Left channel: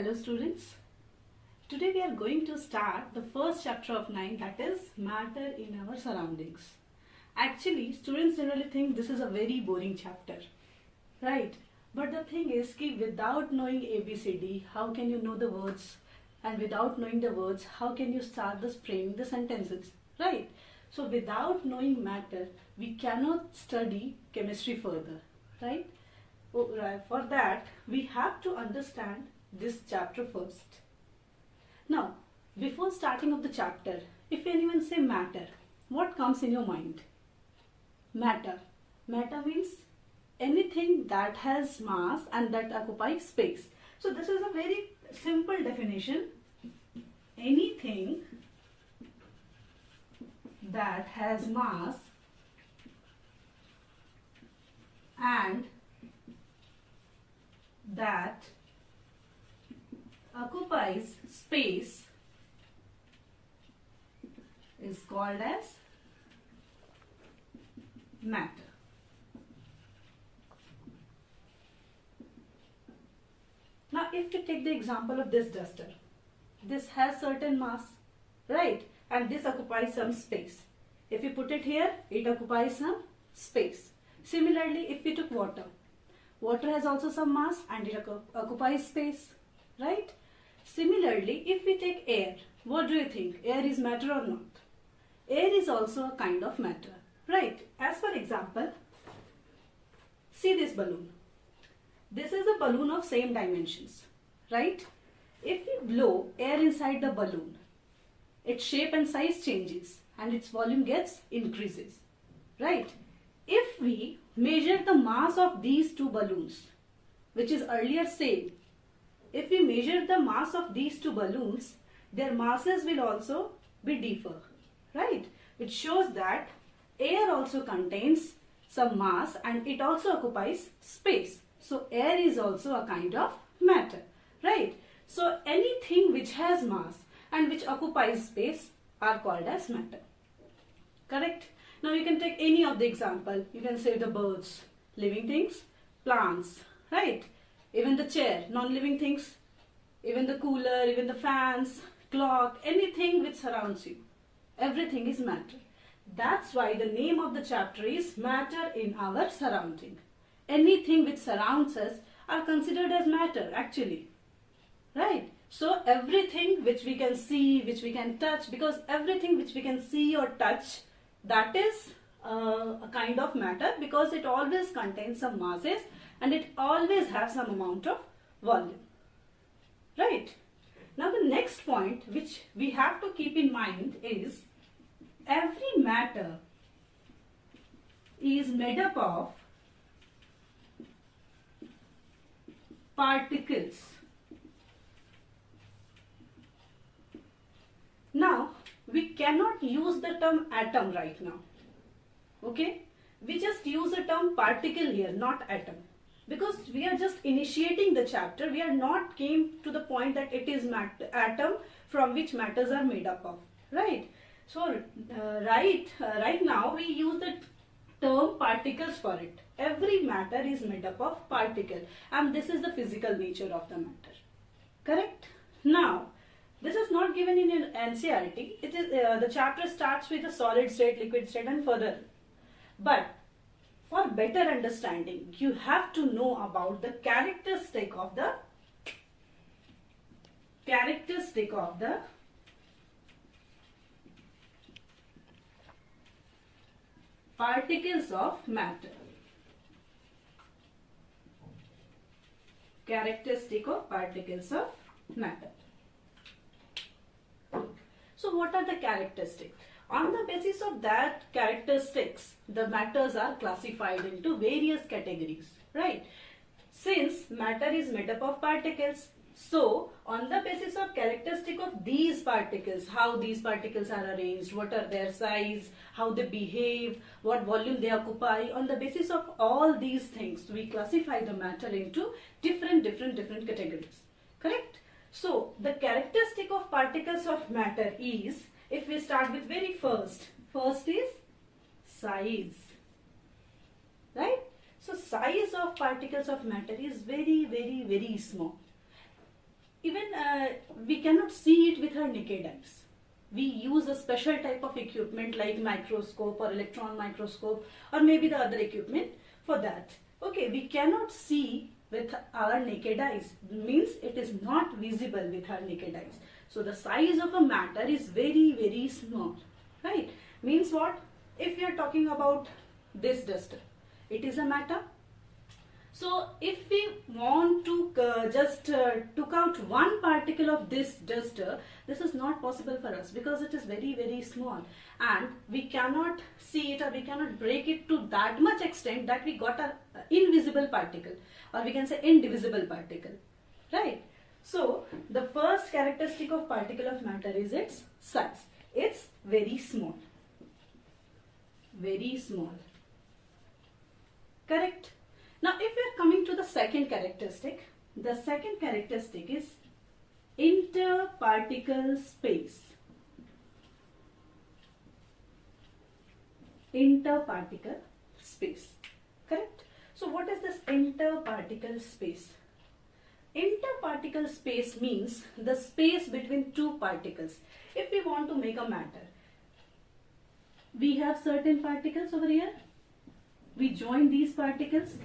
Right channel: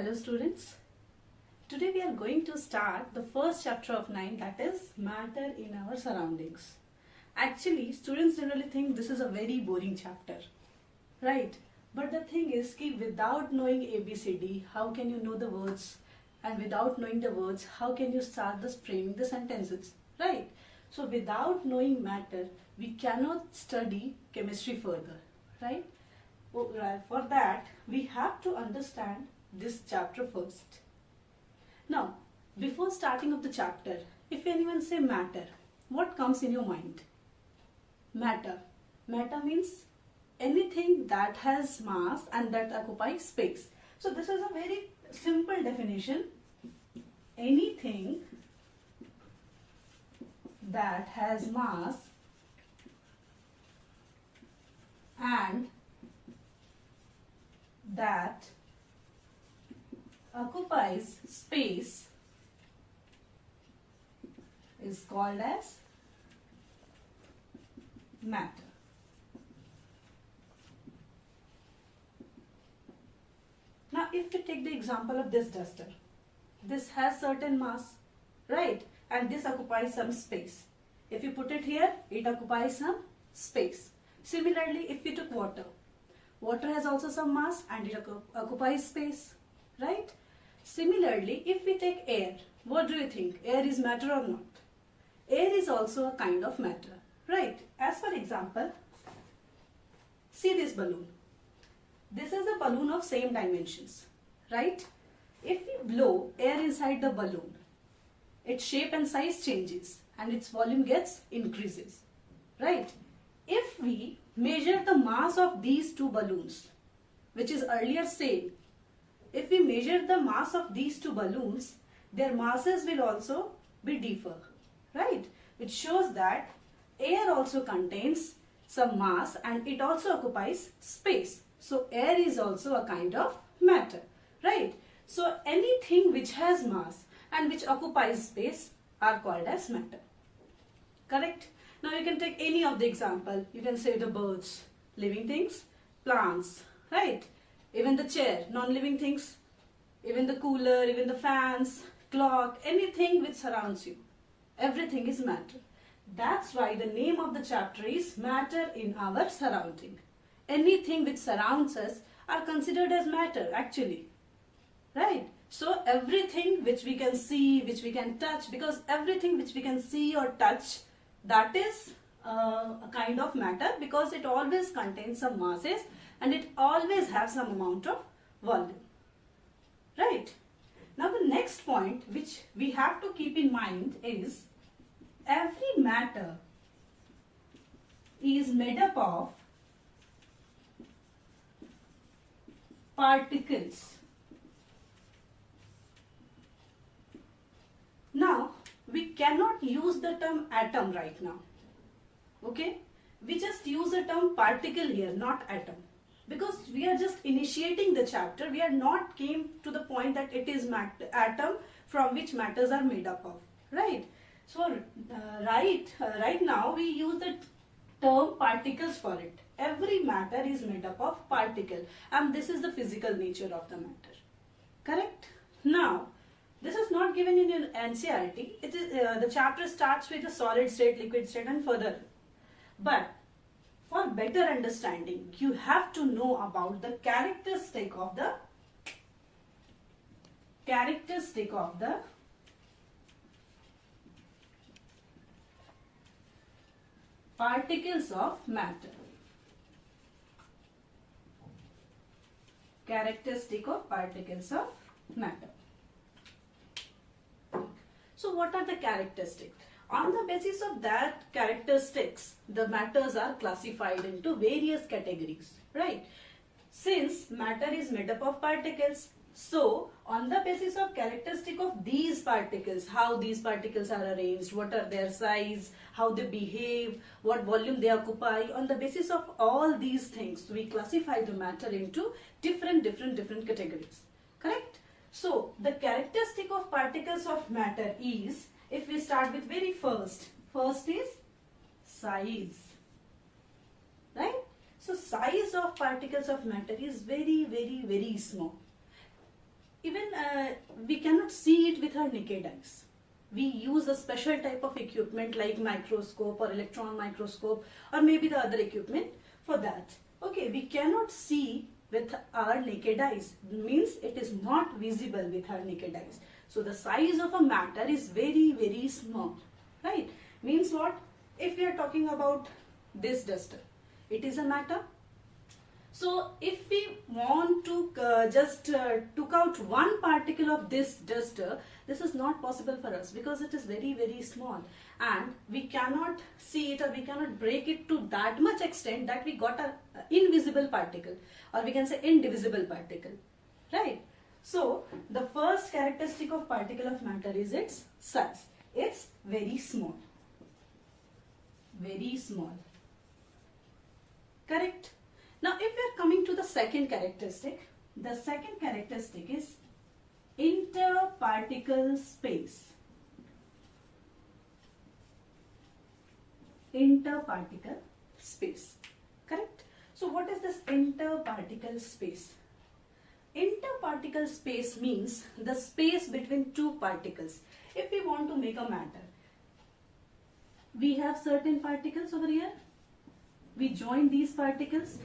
Hello students. Today we are going to start the first chapter of 9, that is matter in our surroundings. Actually students generally think this is a very boring chapter, right? But the thing is कि without knowing ABCD, how can you know the words? And without knowing the words, how can you start this framing the sentences, right? So without knowing matter, we cannot study chemistry further, right? For that, we have to understand this chapter first. Now, before starting of the chapter, if anyone say matter, what comes in your mind? Matter. Matter means anything that has mass and that occupies space. So this is a very simple definition. Anything that has mass and that occupies space is called as matter. Now if we take the example of this duster, this has certain mass, right? And this occupies some space. If you put it here, it occupies some space. Similarly, if we took water, water has also some mass and it occupies space, right? Similarly, if we take air, what do you think? Air is matter or not? Air is also a kind of matter, right? As for example, see this balloon. This is a balloon of same dimensions, right? If we blow air inside the balloon, its shape and size changes and its volume gets increases, right? If we measure the mass of these two balloons, which is earlier same, if we measure the mass of these two balloons, their masses will also be differ, right? Which shows that air also contains some mass and it also occupies space. So air is also a kind of matter, right? So anything which has mass and which occupies space are called as matter. Correct? Now you can take any of the example. You can say the birds, living things, plants, right? Even the chair, non-living things, even the cooler, even the fans, clock, anything which surrounds you. Everything is matter. That's why the name of the chapter is matter in our surrounding. Anything which surrounds us are considered as matter actually, right? So everything which we can see, which we can touch, because everything which we can see or touch, that is a kind of matter because it always contains some masses and it always has some amount of volume, right? Now the next point which we have to keep in mind is every matter is made up of particles. Now we cannot use the term atom right now, okay? We just use the term particle here, not atom, because we are just initiating the chapter. We are not came to the point that it is atom from which matters are made up of, right? So right now we use the term particles for it. Every matter is made up of particle and this is the physical nature of the matter, correct? Now this is not given in an NCERT. It is the chapter starts with a solid state, liquid state and further. But for better understanding, you have to know about the characteristic of the particles of matter. Characteristic of particles of matter. So what are the characteristics? On the basis of that characteristics, the matters are classified into various categories, right? Since matter is made up of particles, so on the basis of characteristic of these particles, how these particles are arranged, what are their size, how they behave, what volume they occupy, on the basis of all these things, we classify the matter into different categories, correct? So the characteristic of particles of matter is, if we start with very first is size, right? So size of particles of matter is very small. Even we cannot see it with our naked eyes. We use a special type of equipment like microscope or electron microscope or maybe the other equipment for that. Okay, we cannot see with our naked eyes, means it is not visible with our naked eyes. So the size of a matter is very, very small, right? Means what? If we are talking about this duster, it is a matter. So if we want to just took out one particle of this duster, this is not possible for us because it is very, very small and we cannot see it or we cannot break it to that much extent that we got an invisible particle, or we can say indivisible particle, right? So the first characteristic of particle of matter is its size. It's very small. Very small. Correct? Now if we are coming to the second characteristic, the second characteristic is interparticle space. Interparticle space. Correct? So what is this interparticle space? Interparticle space means the space between two particles. If we want to make a matter, we have certain particles over here. We join these particles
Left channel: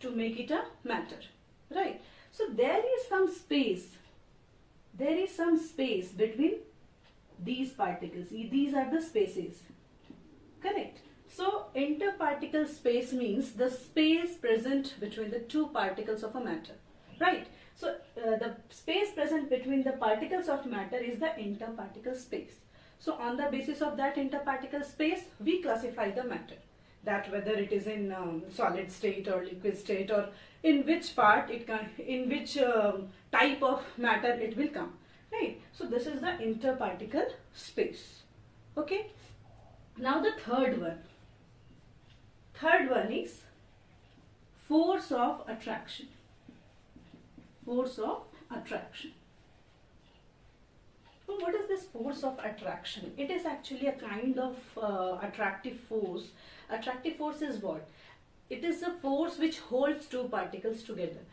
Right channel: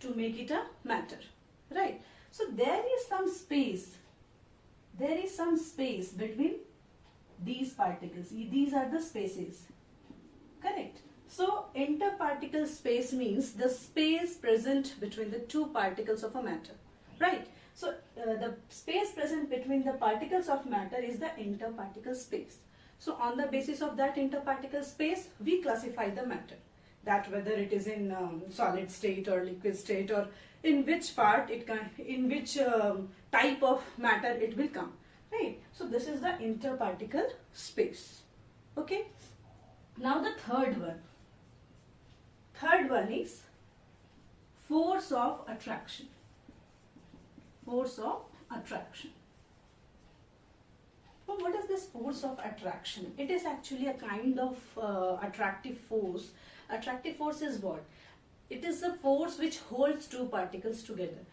to make it a matter, right? So there is some space. There is some space between these particles. These are the spaces. Correct? So interparticle space means the space present between the two particles of a matter, right? So the space present between the particles of matter is the interparticle space. So on the basis of that interparticle space, we classify the matter, that whether it is in solid state or liquid state, or in which part it can, in which type of matter it will come, right? So this is the interparticle space. Okay. Now the third one. Third one is force of attraction. Force of attraction. Well, what is this force of attraction? It is actually a kind of attractive force. Attractive force is what? It is a force which holds two particles together.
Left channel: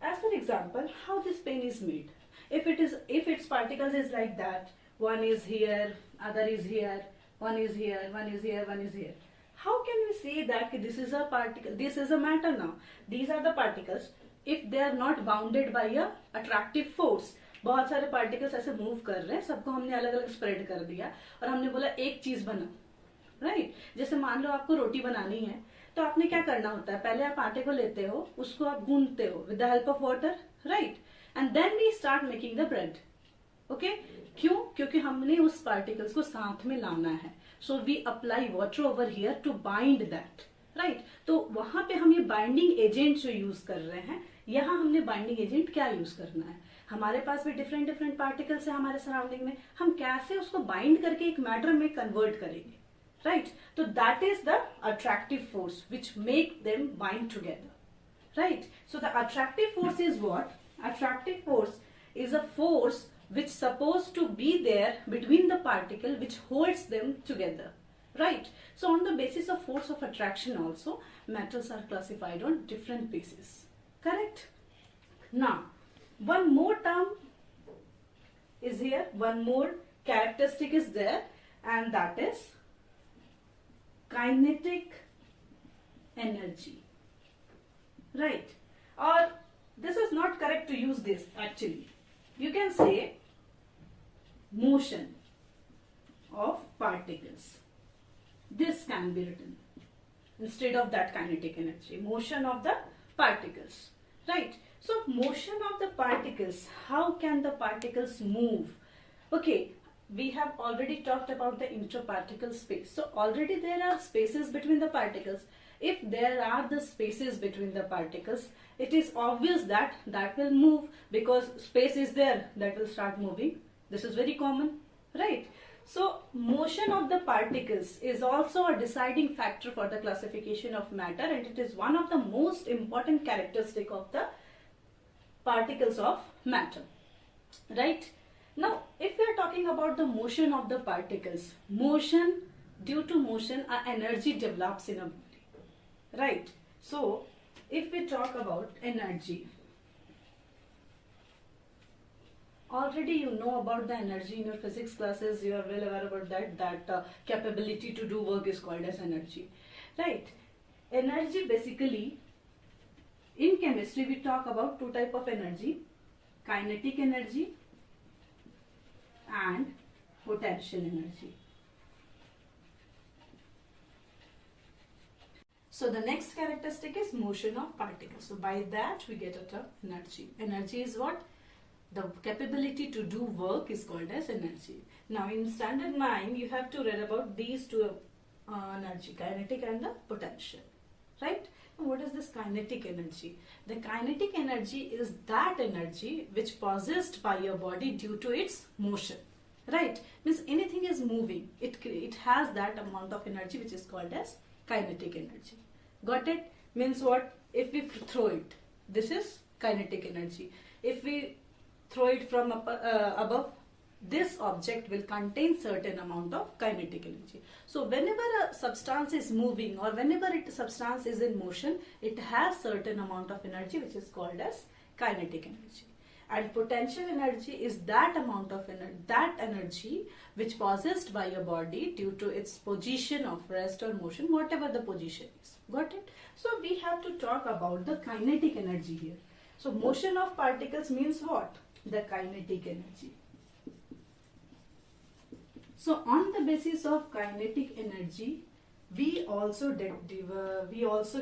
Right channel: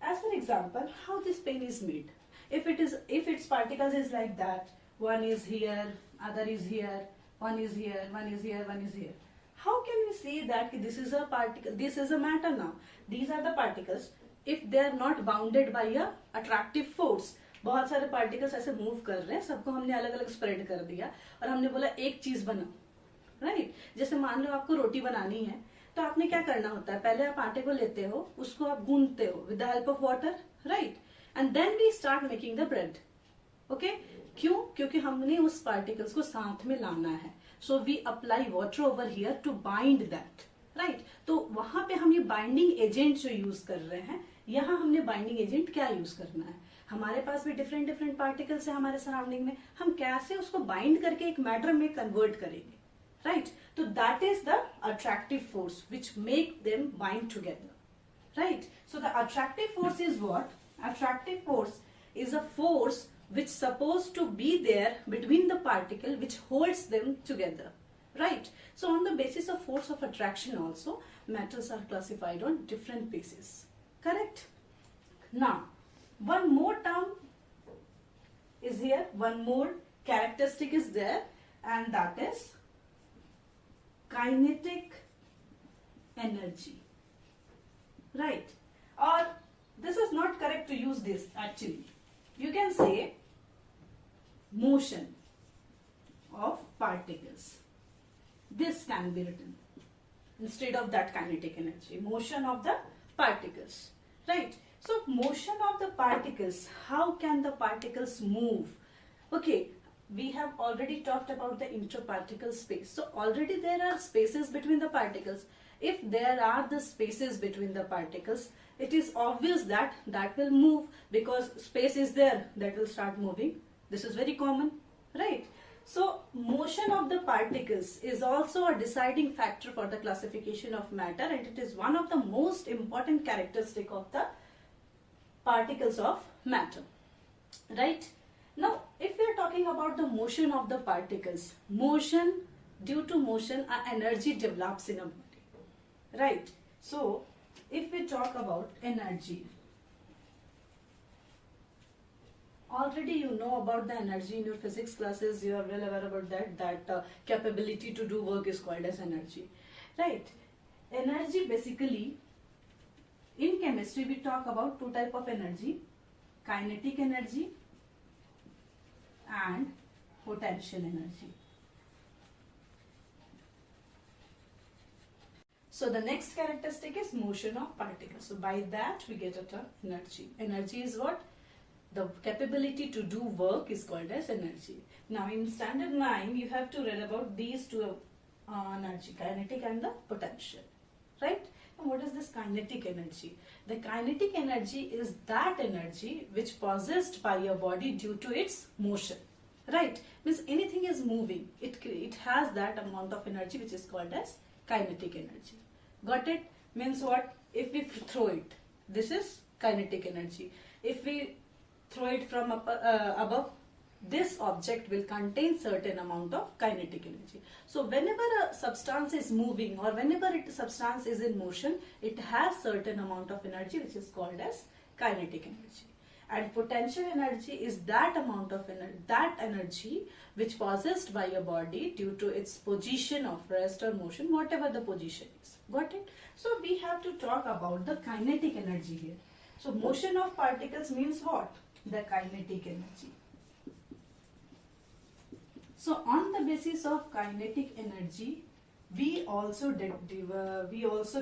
As for example, how this pen is made. If its particles is like that, one is here, other is here, one is here, one is here, one is here. How can we say that this is a particle, this is a matter now? These are the particles. If they are not bounded by a attractive force, बहुत सारे particles ऐसे move कर रहे हैं, सबको हमने अलग अलग स्प्रेड कर दिया और हमने बोला एक चीज बना, राइट? जैसे मान लो आपको रोटी बनानी है, तो आपने क्या करना होता है? पहले आप आटे को लेते हो, उसको आप गूंथते हो with the help of water, right? And then we start making the bread. Okay, क्यों? क्योंकि हमने उस पार्टिकल्स को साथ में लाना है. So we apply water over here to bind that, right? तो वहां पे हम ये बाइंडिंग एजेंट जो यूज कर रहे हैं, यहाँ हमने बाइंडिंग एजेंट क्या यूज करना है? हमारे पास भी डिफरेंट डिफरेंट पार्टिकल्स है हमारे सराउंडिंग में, हम कैसे उसको बाइंड करके एक मैटर में कन्वर्ट करेंगे, राइट? तो that is the attractive force which make them bind together, right? So the attractive force is what? Attractive force is a force which supposed to be there between the particle which holds them together, right? So on the basis of force of attraction also, matters are classified on different bases, correct? Now one more term is here, one more characteristic is there, and that is kinetic energy, right? Or this is not correct to use this actually. You can say motion of particles. This can be written instead of that kinetic energy. Motion of the particles, right? So motion of the particles, how can the particles move? Okay, we have already talked about the interparticle space. So already there are spaces between the particles. If there are the spaces between the particles, it is obvious that that will move, because space is there, that will start moving. This is very common, right? So motion of the particles is also a deciding factor for the classification of matter, and it is one of the most important characteristic of the particles of matter, right? Now if we are talking about the motion of the particles, motion, due to motion a energy develops in a body, right? So if we talk about energy, Already you know about the energy in your physics classes. You are well aware about that capability to do work is called as energy, right? Energy, basically in chemistry we talk about two type of energy: kinetic energy and potential energy. So the next characteristic is motion of particles. So by that we get a term energy. Energy is what? The capability to do work is called as energy. Now in standard 9 you have to read about these two energy, kinetic and the potential, right? And what is this kinetic energy? The kinetic energy is that energy which possessed by your body due to its motion, right? Means anything is moving, it has that amount of energy which is called as kinetic energy. Got it? Means what? If we throw it, this is kinetic energy. If we throw it from above, this object will contain certain amount of kinetic energy. So whenever a substance is moving or whenever a substance is in motion, it has certain amount of energy which is called as kinetic energy. And potential energy is that amount of energy which possessed by your body due to its position of rest or motion, whatever the position is. Got it? So we have to talk about the kinetic energy here. So motion of particles means what? The kinetic energy. So on the basis of kinetic energy, we also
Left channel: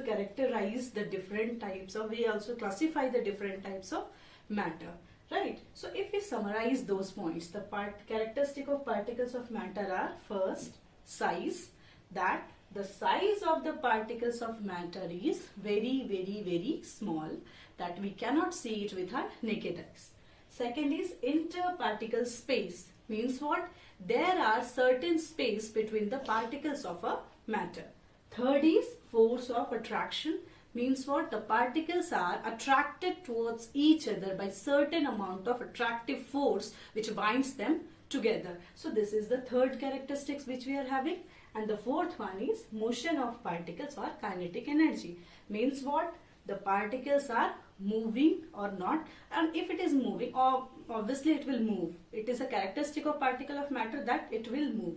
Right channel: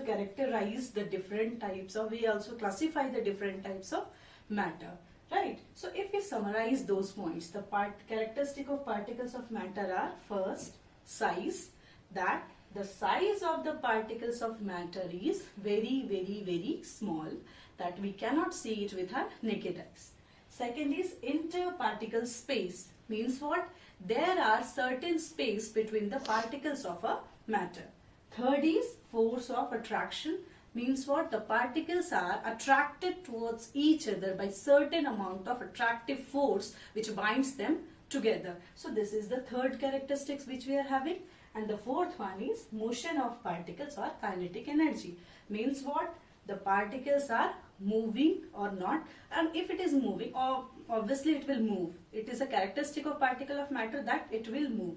characterize the different types of, we also classify the different types of matter, right? So if we summarize those points, the characteristic of particles of matter are: first, size, that the size of the particles of matter is very, very, very small, that we cannot see it with our naked eyes. Second is interparticle space, means what? There are certain space between the particles of a matter. Third is force of attraction, means what? The particles are attracted towards each other by certain amount of attractive force which binds them together. So this is the third characteristics which we are having. And the fourth one is motion of particles or kinetic energy, means what? The particles are moving or not, and if it is moving, obviously it will move. It is a characteristic of particle of matter that it will move,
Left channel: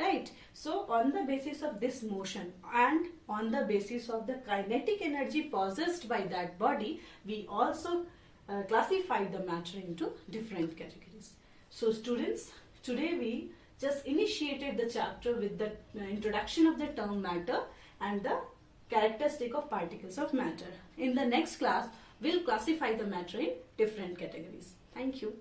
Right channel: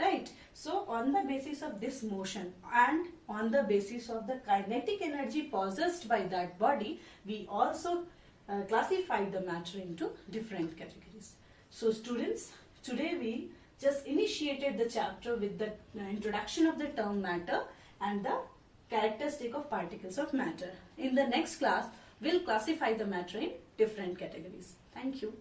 right? So on the basis of this motion and on the basis of the kinetic energy possessed by that body, we also classify the matter into different categories. So students, today we just initiated the chapter with the introduction of the term matter and the characteristic of particles of matter. In the next class, we'll classify the matter in different categories. Thank you.